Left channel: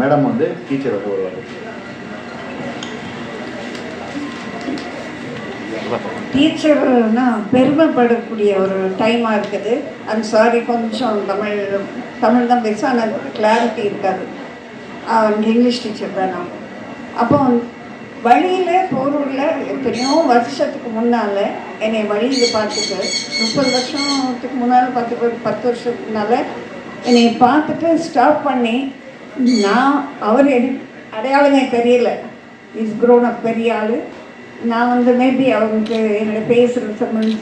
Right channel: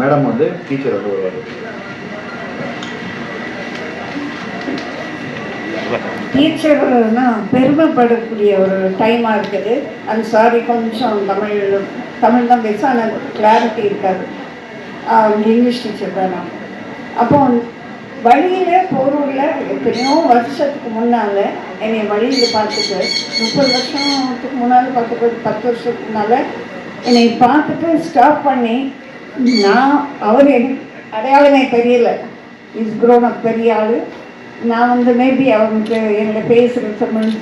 Madam வந்து teacher வந்து வருவார். டீச்சர்னா பெருமைப்படக்கூடிய ஒரு டைமாக இருக்குது. அது சாரி கொஞ்சம் தமிழ் தமிழ் தான் பேச ஆனால் கிளாரிட்டி இருக்காது. இங்கிலீஷ் டீச்சர் தான் நான். அப்போ வழியில் போரூரில் எத்தனையோ வருஷத்துக்கு முன்னால் என்னை வழியில் பார்த்துட்டு முப்பது வருஷத்துக்கு முன்னால் பார்த்துட்டு பத்து வருஷத்துக்கு முன்னால் என்னை பார்த்துட்டு ஸ்டாப் பண்ணி நான் அவர் எனக்கு அடையாளமே தெரியல. இஸ் grown பெரிய ஆள். நான் வந்து மேபி அவனுக்கு என்னோட பேசுகிற சம்மன்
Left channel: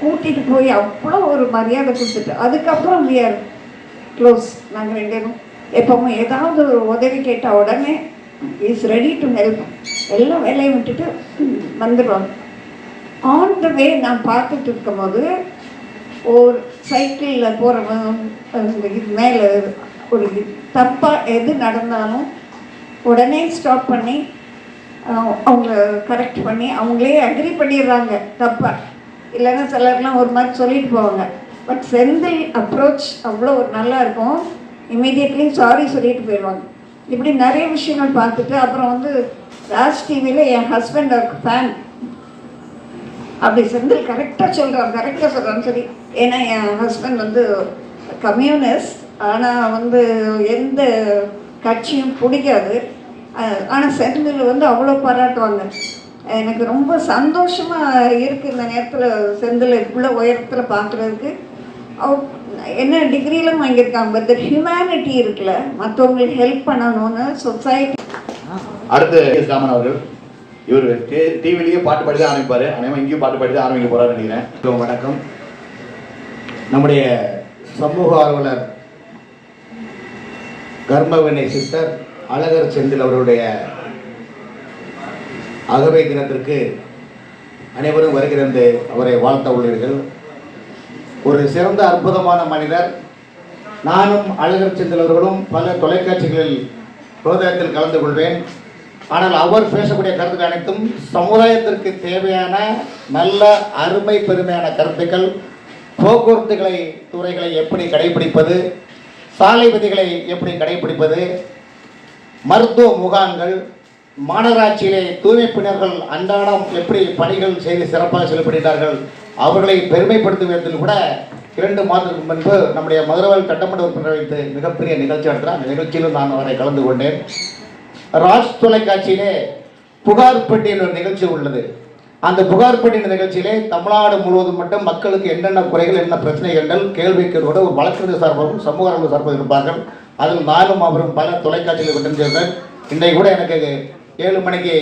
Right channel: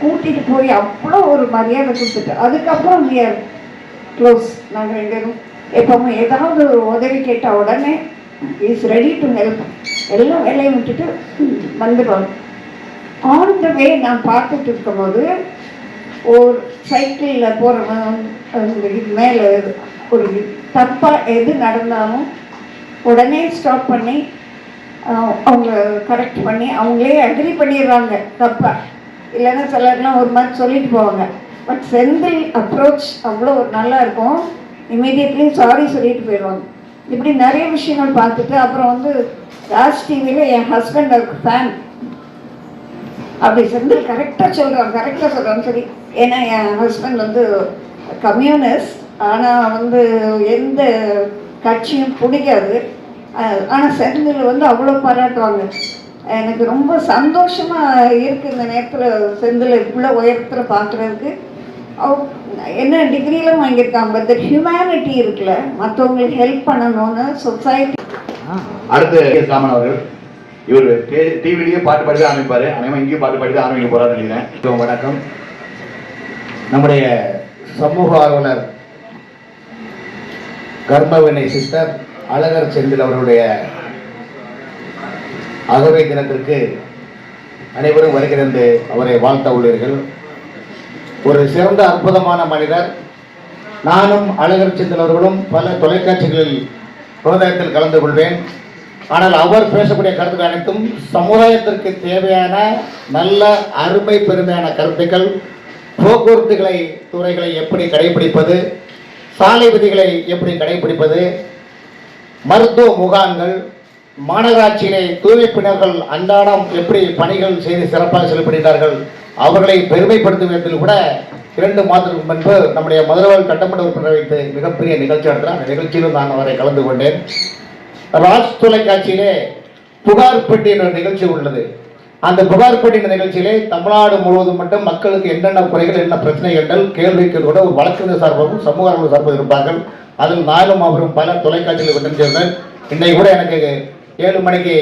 கூட்டிகிட்டு போய் அவ்வளோ ஒரு மரியாதை கொடுத்துட்டு அதுக்கப்புறம் we க்ளோஸ் நாங்கள் ரெண்டு பேரும் எப்போவுமே ஏதாவது ஒரு உதவி கேட்டால் உடனே இஸ் ரெடி டு ஹெல்ப் எல்லா வேலையும் விட்டுட்டு வந்துடுவாங்க ஆன் த வே நான் பார்த்துட்டு இருக்கும்போது ஒரு சைக்கிளில் போகிறவன் இது மேலே ஒரு தப்பாக எது நடந்தாலும் உடனே ஸ்டாப் பண்ணி அவங்க கரெக்ட் பண்ணி அவங்களே அக்ரி பண்ணிடுறாங்க தப்பாக இல்லைன்னா சிலர்லாம் ஒரு மாதிரி சொல்லிட்டு போவாங்க. பட் செந்தில் அப்ரோச் அவ்வளோ ஒரு நல்லா இருக்கும். இமீடியட்லி சாரி சொல்லிட்டு போயிடுவாங்க. இப்படி நிறைய விஷயங்கள் பார்த்துட்டு அப்புறம் வந்து ராஜ் டிவியில் என் ஹஸ்பண்ட் அவருக்கு ஃபேன் அப்படி செந்தில் கரெக்டாக சொல்கிறான் கரெக்டாக சொல்கிறான்னு சொல்லி. ஏன்னா என் ஹஸ்பண்ட் வந்து கம்யூனிஸ்ட் ஆனால் வந்து எந்த கட்சியும் பிடிக்காது. ஆனால் செந்தில் வந்து அவ்வளோ பாராட்டுவாங்க. எனக்கு ரொம்ப சந்தோஷமாக இருக்குது இந்த நேரத்தில் செந்தில் இவ்வளோ உயரத்தில் பார்க்குறதுக்கு அவ் என்ன டிகிரிலாம் வாங்கியிருக்காங்க பட் ஹியூமனிட்டி இருக்குல்ல மற்றவங்களுக்கு ஹெல்ப் பண்ணணும்னு சொசைட்டி அடுத்து எஸ். ராமன் அவர்கள். இவர் டிவிலேயே பாட்டு பாடி தான் ஆரம்பிப்பார் அனைவரும் இங்கேயும் பாட்டு பாடி தான் ஆரம்பிக்க போகிறாருன்னு நினைக்கிறேன். வணக்கம். நம்முடைய சமூக ஆர்வலர் கர்மவினை சித்தர் அழகர் செந்தில் அவருடைய அகவை தினத்திற்கு அனைவரும் வருகிறது அவரை வாழ்த்த உள்ளீர்கள். ஒரு சிறந்த அற்புதமான மனிதர். நானும் அழகர் செந்தில் அவர்களும் பல தொலைக்காட்சிகளில் சமுதாயத்தில் கலந்து கொள்வேன். ஆனால் அவர் பேசக்கூடிய கருத்துக்கள் அனைத்தும் சமுதாயத்திற்கு தேவையான நல்ல அருமை பெருமையான கருத்துக்கள். போக்குவரத்துகளை துறைகளை எப்படி கடைபிடிப்பது? சாலை விதிகளை எப்படி கடைபிடிப்பது? மருத்துவ முகாம்கள் மாநகராட்சியிலே தூய்மைப்பினர்கள் அன்றாடம் எப்படி பணிகள் செய்து சிறப்பாக செயல்படுகிறார்கள் அவர்களை பெருமைப்படுத்தும் விதத்தில் கூட இரண்டு மாதத்துக்கு முன்பு நம்முடைய முதல்வர் சட்டமன்ற உறுப்பினர் வைத்து மிகப்பெரிய நிகழ்ச்சி நடத்தினார். அந்த நிகழ்ச்சியிலும் நான் அவரை கலந்து கொண்டேன். ராஜ் தொலைக்காட்சியிலே புகார் பெட்டி என்ற நிகழ்ச்சி உள்ளது. அந்த புகார் பெட்டி நிகழ்ச்சியிலே தமிழ்நாடு முழுவதும் மட்டும் மக்களுக்கு என்னென்ன குறைகள் என்ன பிரச்சனைகள் கேள்விக்கு கூட ஒரு வழக்கறிஞர் சார்பாகவும் சமூக ஆர்வலர் சார்பாக இருப்பார்கள். அதில் நானும் அவரும் பல தொலைக்காட்சியில் கொண்டு சேர்ந்தேன். இன்னைக்கு கூட எனக்கு ஏழு மணிக்கு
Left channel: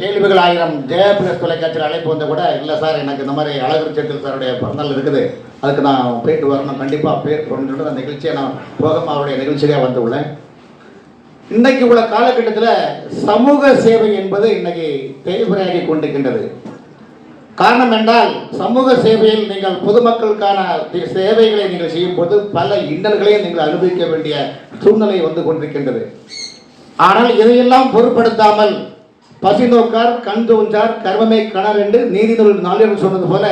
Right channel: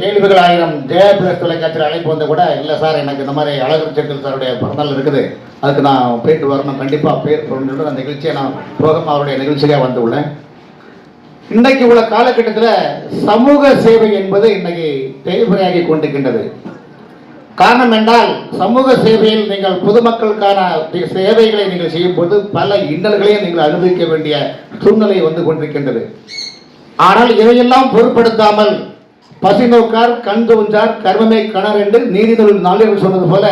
கேள்விகள் ஆயிரம் ஜெயா பிரஸ் தொலைக்காட்சியில் அழைப்பு வந்த கூட இல்லை சார் எனக்கு இந்த மாதிரி அழகு செட்டில் சாருடைய பிறந்தநாள் இருக்குது. அதுக்கு நான் போயிட்டு வரணும். கண்டிப்பாக பேர் சொல்லிட்டு அந்த நிகழ்ச்சியை நான் போகாம அவருடைய நிகழ்ச்சியாக வந்து உள்ளேன். இன்னைக்கு உள்ள காலகட்டத்தில் சமூக சேவை என்பது இன்னைக்கு தேவையாகி கொண்டிருக்கின்றது. காரணம் என்றால் சமூக சேவையில் நீங்கள் பொதுமக்களுக்கான சேவைகளை நீங்கள் செய்யும் போது பல இன்னல்களையும் நீங்கள் அனுபவிக்க வேண்டிய சூழ்நிலை வந்து கொண்டிருக்கின்றது. ஆனால் இதையெல்லாம் பொருட்படுத்தாமல் பசி நோக்கார் கண் தோன்றார் கர்மமே கணர் என்று நீதிநூல் நாளில் சொன்னது போல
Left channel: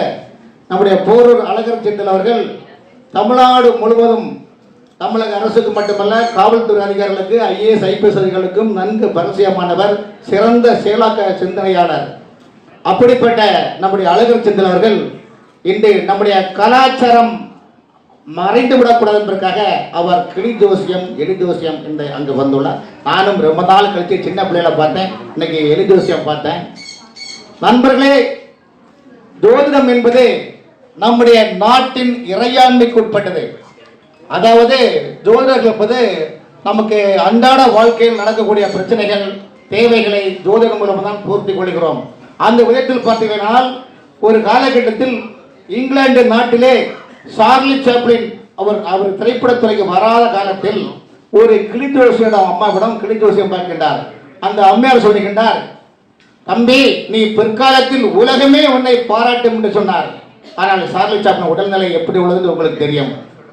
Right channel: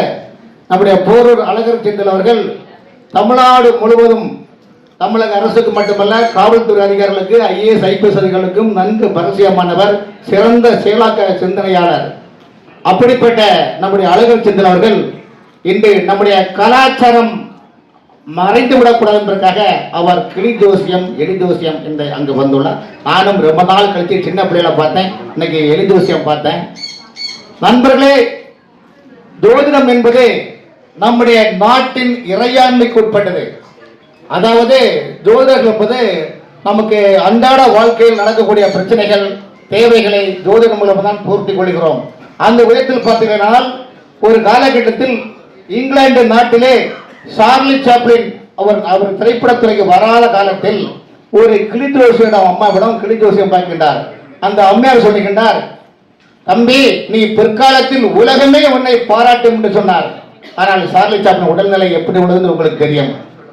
நம்முடைய போரூர் அழகர் செந்தில் அவர்கள் தமிழ்நாடு முழுவதும் தமிழக அரசுக்கு மட்டுமல்ல காவல்துறை அதிகாரிகளுக்கு ஐஏஎஸ் ஐபிஎஸ் அதிகாரிகளுக்கும் நன்கு பரிசயமானவர் சிறந்த செயலாக்க சிந்தனையாளர். அப்படிப்பட்ட நம்முடைய அழகர் செந்தில் அவர்கள் இன்று நம்முடைய கலாச்சாரம் மறைந்து விடக்கூடாது என்பதற்காக அவர் கிளி ஜோசியம் எலி ஜோசியம் இந்த அங்கு வந்துள்ளார். நானும் ரொம்ப நாள் கழித்து சின்ன பிள்ளைகளை பார்த்தேன். இன்னைக்கு எலி ஜோசியம் பார்த்தேன். நண்பர்களே ஜோதிடம் என்பது நம்முடைய நாட்டின் இறையாண்மைக்கு உட்பட்டது. அதாவது ஜோதிடர்கள் என்பது நமக்கு அன்றாட வாழ்க்கையில் நடக்கக்கூடிய பிரச்சனைகள் தேவைகளை ஜோதிடம் மூலமாக தான் பூர்த்தி கொள்கிறோம். அந்த விதத்தில் பார்த்தீங்கன்னா ஒரு காலகட்டத்தில் இங்கிலாந்து நாட்டிலே சார்லி சாப்ளின் அவர் அவர் திரைப்படத்துறைக்கு வராத காலத்தில் ஒரு கிளி ஜோசியிடம் அம்மாவிடம் கிளி ஜோசியம் பார்க்கின்றார். அந்த அம்மையார் சொல்லுகின்றார் தம்பி நீ பிற்காலத்தில் உலகமே உன்னை பாராட்டும் என்று சொன்னார். ஆனால் சார்லி சாப்ளின் உடல்நிலை எப்படி உள்ளது உங்களுக்கு தெரியும்.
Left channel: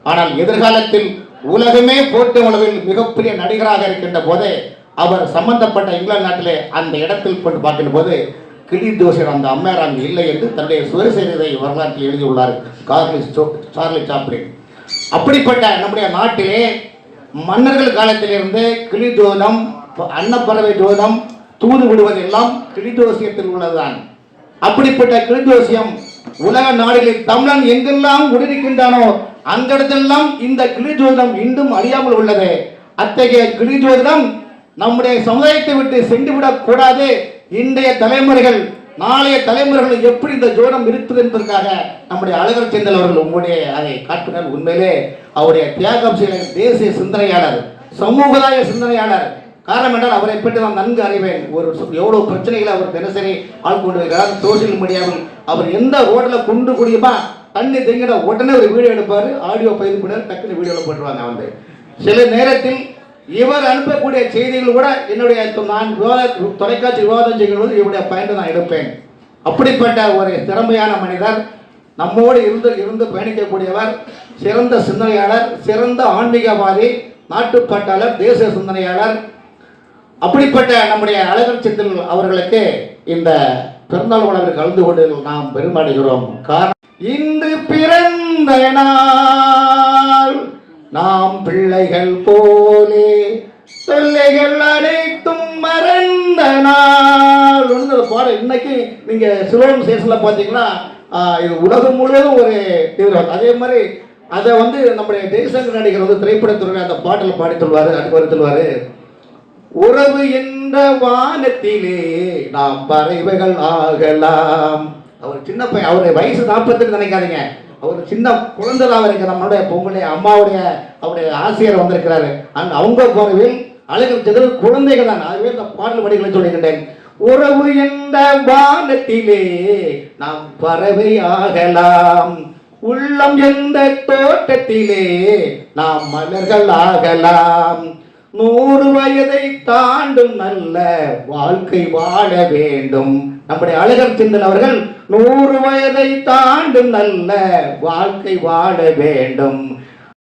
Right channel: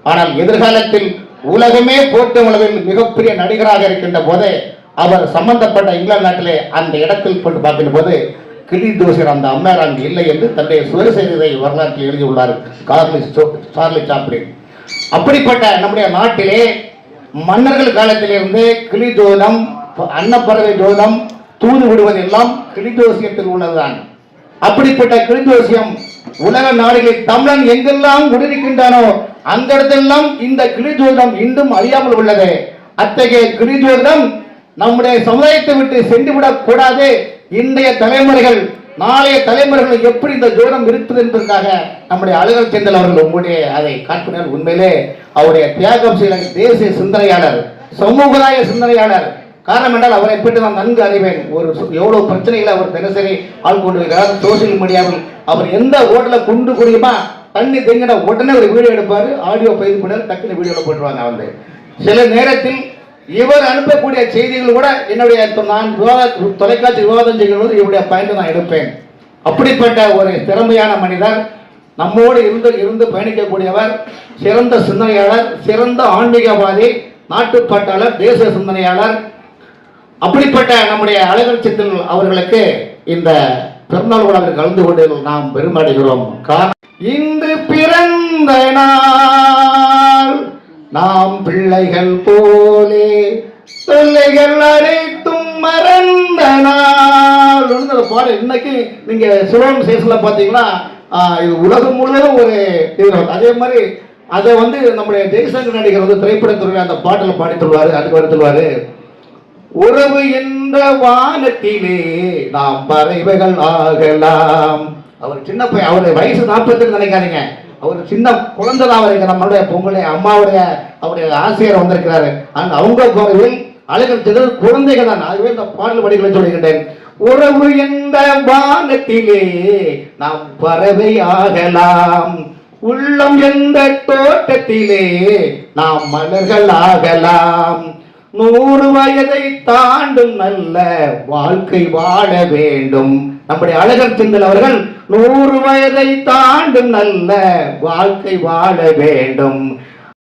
ஆனால் எதிர்காலத்தில் உலகமே போட்டு அளவில் மிகப்பெரிய நடிகராக இருக்கின்ற போது அவர் சம்பந்தப்பட்ட இங்கிலாந்து நாட்டிலே அந்த இடத்தில் கொண்டு பார்க்கின்ற போது கிளி தோசர் அந்த அம்மையார் அங்கு இல்லை என்று தன்னுடைய சுயசரிதை வரலாற்றில் எழுதியுள்ளார் கார்லி சோ- சார்லி சாப்ளின். அப்படிப்பட்ட நம்முடைய நாட்டிலே மன்னர்கள் காலத்திலிருந்து கிளி ஜோதம் அன்னப்பறவை ஜோதம் தூது விடுவதெல்லாம் கிளி ஜோசியத்தில் உள்ளதுதான். அப்படிப்பட்ட கிளிதோசியம் உலக நாடுகளில் தமிழன் எங்கெல்லாம் உடனிருக்கின்றானோ அந்த இடத்தெல்லாம் இந்த கிளி ஜோதிடம் இன்னும் அழியாமல் உள்ளது. அத்தகைய கிளிஜோதம் நம்முடைய சமுதாயத்தை விட்டு சென்றுவிடக் கூடாது இன்றைய தலைமுறைகள் நாளைய தலைமுறைகள் எப்படி இந்த தூரம் இருப்பது என்பதற்காக நம்முடைய அழகர் செந்தல் அவர்கள் உங்களுடைய அதை காட்டினர். உண்மையிலே அவருடைய தியாகம் செய்த தேசிய சிந்தனையாளர் சமூகதாய சிந்தனையாளர். காரணம் என்றால் அவரை பற்றி நான் நன்கு அறிவேன். ஒரு சு- எவ்வளவு பிரச்சனைகளை அவர் தினசரி ஆள் கொண்டு வருகிறார். சோசியல் மீடியாவில் அவர் எந்த ஓட்டல குண்டு குடியுமா தண்ணி தெங்கிட உடனே ஒரு வீடியோ எடுப்பாரு. ஆடியோ பயிர் பண்ணாரு டக்குனு வீடியோல போட்டுருவாங்க வந்து சில நேரத்தில் இவர் அனுப்பக்கூடிய செய்திகள் கூட என்னுடைய நான் விவாத தொலைக்காட்சி விவாதம் செய்யும்போது இவருடைய பயந்து நான் எடுப்பேன். அப்படிப்பட்ட ஒரு திறமையான மனிதர் நம்மோடு இருந்து இருந்து பயணிக்கக்கூடியவர் சிறந்த சிந்தனையாளர் சிறந்த ஆன்மீகவாதி நாட்டுப்பாட்டாளர் தேசிய சிந்தனையாளர். அப்படிப்பட்ட நம்முடைய அழகர் சித்தல் அவர்களுக்கு இந்த பிறந்தநாள் விழாவில் கலந்து கொண்டு நாம் பெருமடைகிறோம் காரணம் இன்று பிறந்த நான் நாம் பிள்ளைகள் போலே தொல்லைகள் அனைத்தும் மறந்த நாள். பாடல் இன்னைக்கு நீங்க சிவன் சேஷன்ல பாத்தீங்கன்னா இது உலகம் முழுவதும் ஒரு இது அதே மாதிரி அதை வந்து நம்முடைய ஜெய்சங்கர் நடிகர் வந்து திரைப்படத்துறை அந்த பாட்டில் பாடி சொல்வாரு அதுக்கு வந்து சொல்வாரு உறவு என்ற வானத்திலே நாம் பறவைகள் ஆகலாம். அவர் சின்ன பையன் அவருடைய வயசு நாற்பத்தி நினைக்காதீங்க. அவர் சின்ன குழந்தை தான் நம்மளுடைய பொங்கலை அம்மாவுடைய அவருடைய ஆசிரியர் வந்திருக்கிறாரு. அண்ட் அவங்க கோவில் அழகத்தில் குழந்தைகள் தான். அதுவே இந்த பாடல் வடிகளை சொல்கின்றேன் உறவு என்ற வானத்திலே நாம் பறவை ஆகலாம். உள்ளம் என்ற தோட்டத்திலே நாம் மலர்கள் ஆகலாம். நூறு வயதை தாண்டும் நல்ல வாழ்க்கை வாழ வேண்டும். நம்முடைய அழகர் சிந்தன் அவர்கள் நூறு வயதை தாண்டும் நல்ல வாழ்க்கை வாழ வேண்டும்.